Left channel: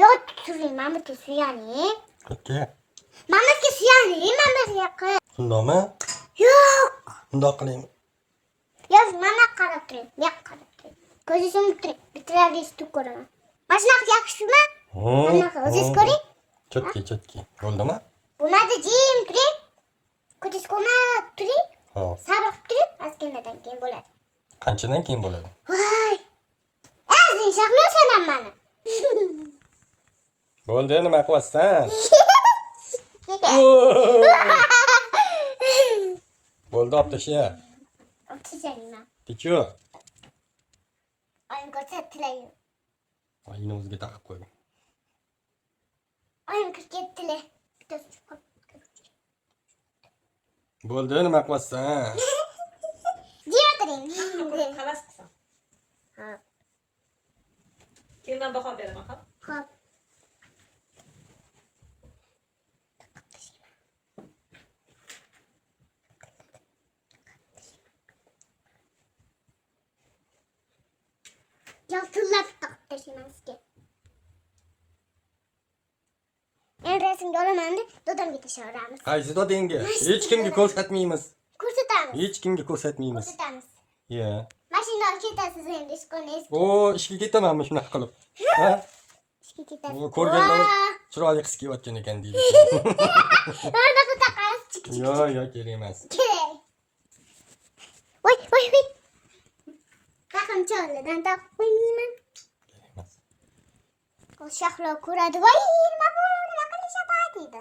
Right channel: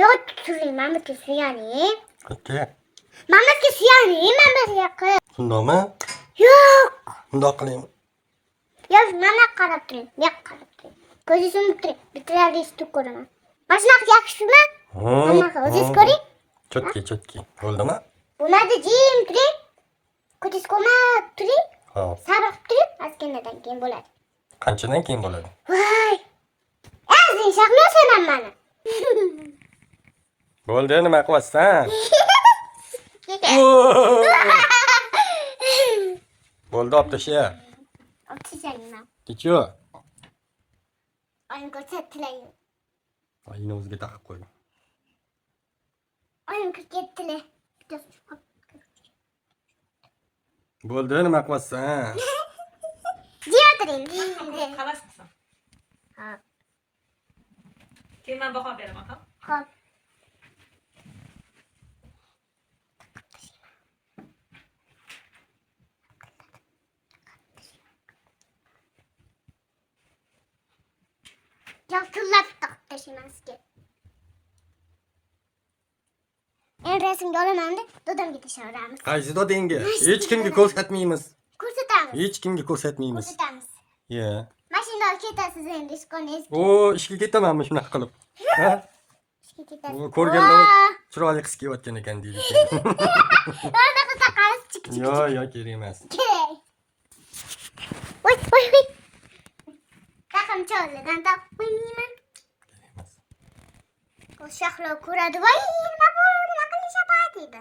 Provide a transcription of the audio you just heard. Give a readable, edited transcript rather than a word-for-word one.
Yo'q, turing, men bitta suyaning. Okey. Men bitta suyaning, men bir yoqqa. Shundoqmi? Yo'q. Bundoq qilaymi? Yo'q, mana qarab turing. Yo'q, qarab turing. Ko'zingizni yumib turing. Bittalarni tutib ko'raman. Mana shunaqa yaxshimi? Hammaga o'zingiz ko'ring. Chotki. Bo'ldimi? Bo'lmadi, jim turing. Ko'zingiz ko'rmab turing. Hop. Sabr qilib turing. Ozginadan keyin bo'ladi. Qanchadan keyin bo'ladi? Voy. Azing shaqnosan mani. Bo'ldi, nima qilyapsan? Bo'ldi, olib tasha. O'tishayman. Kechu. Oyim ko'rsatdilar. Oyini o'ziga taqib qo'ydim. Oyim kirib ketdilar. Bo'ldi, nima qilyapsan? Jim o'tiring. Havas qilsam. Hop. Keyin men baho beraman, ha? Hop. Yaltillab taqib tashlayman sizga. Endi rasmga olaman-da, dadamga tashlaveramiz. Qaysi dodingga? Hech kimga ko'rsatmaymiz. Ko'rsatamiz. Hech kimga ko'rsatmaymiz. Ko'rsatamiz. Ye. Mashina olib ketasiz endi ishqoningiz. O, ishga ketamanmi shunaqa qilib? Ha? Ishga ketasiz. O, ko'rganda chiroyli qis kiyayotgan ekan deydi. Orada taqamiz chik. Yo, kerak emas. Kerak. Voy. Taqim cho'lidan taqib qo'ymayman. Kerak emas. O shahlo ko'radi. Voy, nima bu? Nima qilishyapti deydi.